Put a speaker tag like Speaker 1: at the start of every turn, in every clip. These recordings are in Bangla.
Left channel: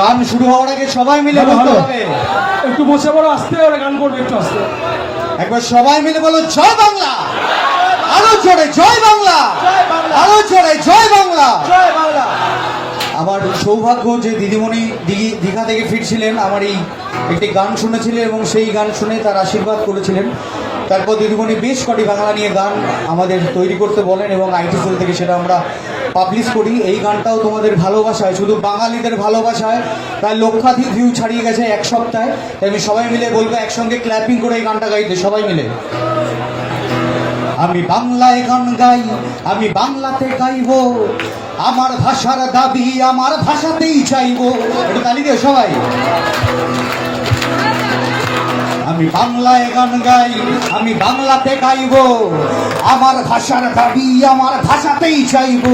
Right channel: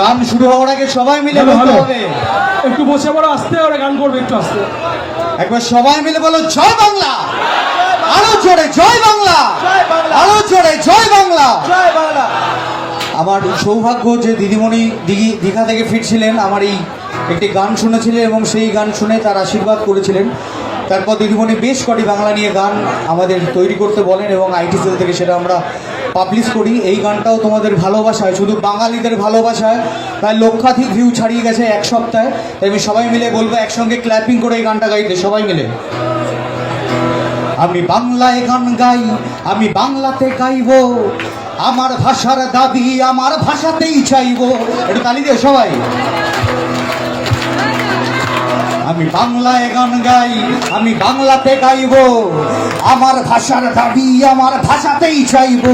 Speaker 1: গান শুরু হওয়ার আগে সবাই মিলে বলতে হবে।
Speaker 2: একটু বসে পড়ো আস্তে করে গান করবে একটু আস্তে।
Speaker 1: একবার সবাই মিলে বলো জয় বাংলা। আরও জোরে জয় বাংলা। আরও জোরে জয় বাংলা। আমার সৌভাগ্য যে দিদিমণি দিঘি দীঘা থেকে ফিরছিলেন আমার এই একটি গান শুনেছিলেন এবং সেই গান শুনে তার আশীর্বাদ করেছিলেন। তারপর দিদিমণি বেশ কটি বাংলা নিয়ে গান আমাদের তৈরি করতে বলেন এবং আইটি সেল থেকে সেটা আমরা পাবলিশ করি। এই গানটাও তোমাদের ভালোবাসায়, শুধু বাঙালিদের ভালোবাসায়, প্রায় লক্ষাধিক ভিউ ছাড়িয়ে গেছে এক সপ্তাহে। তাই আমি সবাই মিলে বলব, একসঙ্গে ক্ল্যাপিং করে এই গানটা গাইতে, সবাই মিলে। আমি বাংলায় গান গাই, আমি বাংলাতে গাইবো, আমার ভাষার দাবি আমার ভাষাতেই চাইব। একটু তালি দিও সবাই। আমি বাংলায় গান গাই, আমি বাংলাতে গাইবো। আমার ভাষার দাবি আমার ভাষাতেই চাইব।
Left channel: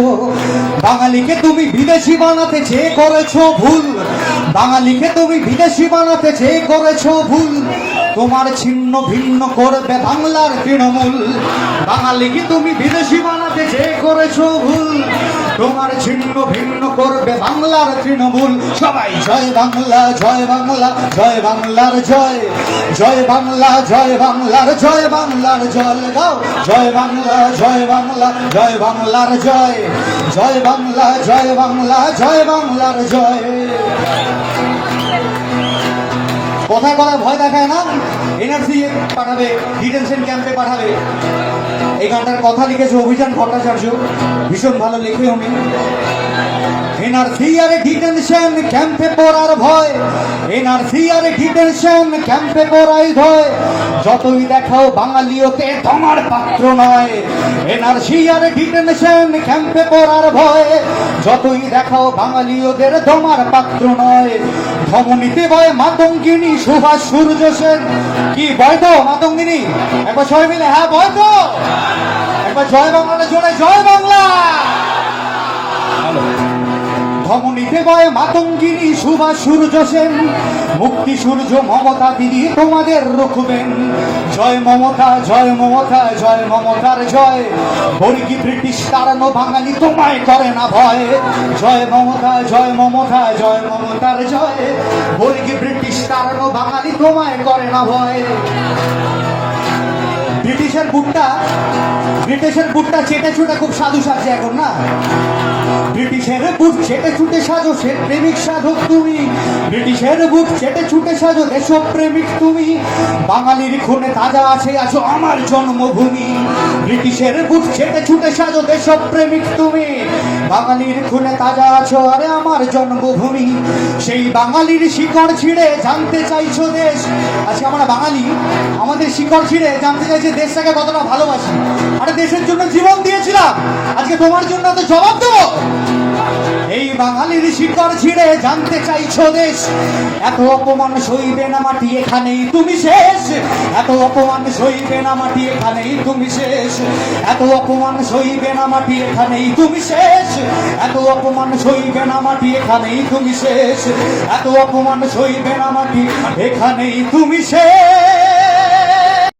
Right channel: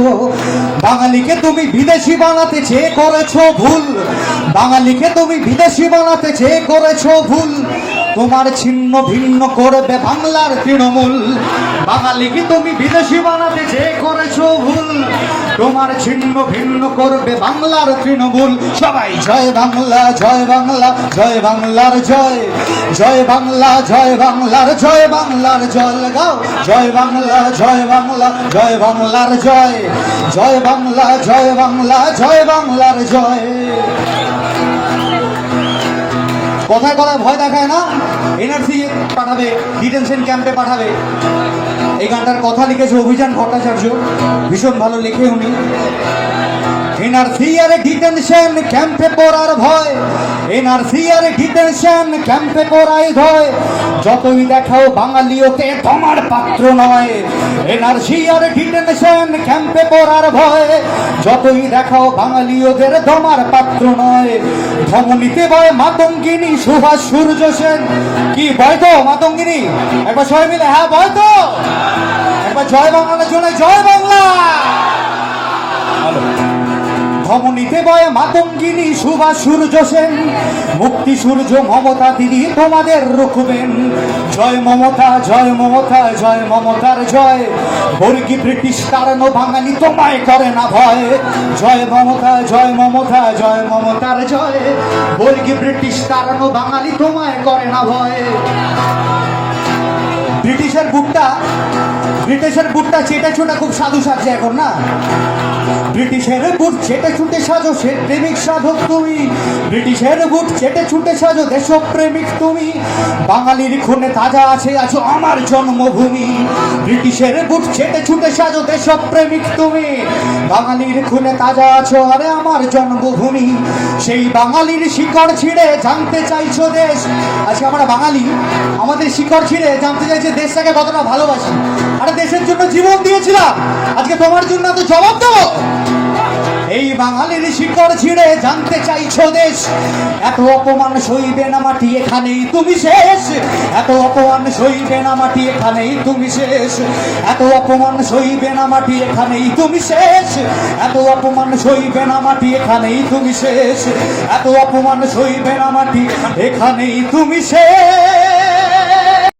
Speaker 1: বাঙালিকে তুমি বিদেশি বানাতে চেয়ে করেছ ভুল। বাঙালিকে তুমি বিদেশি বানাতে চেয়ে করেছ ভুল। তোমার ছিন্ন ভিন্ন করবে বাংলার তৃণমূল। বাঙালিকে তুমি বিদেশি বানাতে চেয়ে করেছ ভুল। তোমার ছিন্ন ভিন্ন করবে বাংলার তৃণমূল। সবাই জয় বাংলা জয় বাংলা, জয় বাংলার জয়। জয় বাংলা, জয় বাংলার জয়, বাংলার জল গাও। জয় বাংলা জয় বাংলা, জয় বাংলার জয়। জয় বাংলা জয় বাংলা, জয় বাংলার জয়। কথায় কথায় ভয় দেখায় না? এনআরসি পাঠাবে ডিটেনশন ক্যাম্পে পাঠাবে। এই গানটার কথা লিখেছে অভিযান ভট্টাচার্য। ভীষণ ভালো লিখে উনি। আর ভয়। আর ভয়। যতই দেখাও বাঙালিও তে তোমার পাত্র নয়। এনআরসি আর ডিটেনশন ক্যাম্পে পড়ার ভয়ে। যতই দেখাও বাঙালিওদের তোমার পাত্র নয় ধমনীতে বয় মাতঙ্গিনী সুভাষ সূর্য সেন। কি বয় তো মাতঙ্গিনী? একবার সবাই মিলে হ্যাঁ বয় তো। একবার জয় বাংলাটা চলে, জয় বাংলা। ধমনীতে মাতঙ্গিনী সুভাষ সূর্য সেন, মুক্তি সূর্য মমতা দিদি তোমাদের রুখবেন। জয় মমতা জয় মমতা, জয় মমতার জয়। বর্গি ব্রিটিশ কারণ বাঙালি তোমায় করে না ভয়। জয় মমতা জয় মমতা, জয় মমতার জয়। বর্গি ব্রিটিশ কারণ বাঙালি তোমায় করে না ভয়। ব্রিটিশের বুটটা ব্রিটিশের বুটটা চেটে চুটে খুব সাধু সাজছে এখন না? ব্রিটিশের বুট চেটে ছুটে সাজো, সে প্রেমিক সাধক তুমি। ব্রিটিশের বুট চেটে ছুটে সাজো, দেশপ্রেমিক প্রেমিক তুমি। বাঙালির খুনে তাজা আছে, আছো আমার জন্মভূমি। ব্রিটিশের বুট চেটে ছুটে সাজো, দেশপ্রেমিক প্রেমিক তুমি। বাঙালির খুনে তাজা আছো, আরে আমার জন্মভূমি। সেই বাঙালির শিকড় ছিঁড়ে জানতে চাইছো দেশ। আজকে আমরা বাঙালি, আমাদের শিকড় ছিঁড়ে জানতে চাইছি দেশটাকে কতটা ভালোবাসি। আরে দেশের জন্য জীবন দিয়েছিলাম। আজকে তোমার জন্য তো জবাব দেবো। এই বাঙালির শিকড় ছিঁড়ে জানতে চাইছো দেশ? এত অপমান সইবে না মাটি এখানেই তুমি শেষ। এত অপমান সইবে না মাটি এখানেই তুমি শেষ। এত অপমান সইবে না মাটি এখানেই তুমি শেষ। এত অপমান সইবে না মাটি এখানেই তুমি শেষ। এত অপমান সইবে না মাটি এখানেই তুমি শেষ।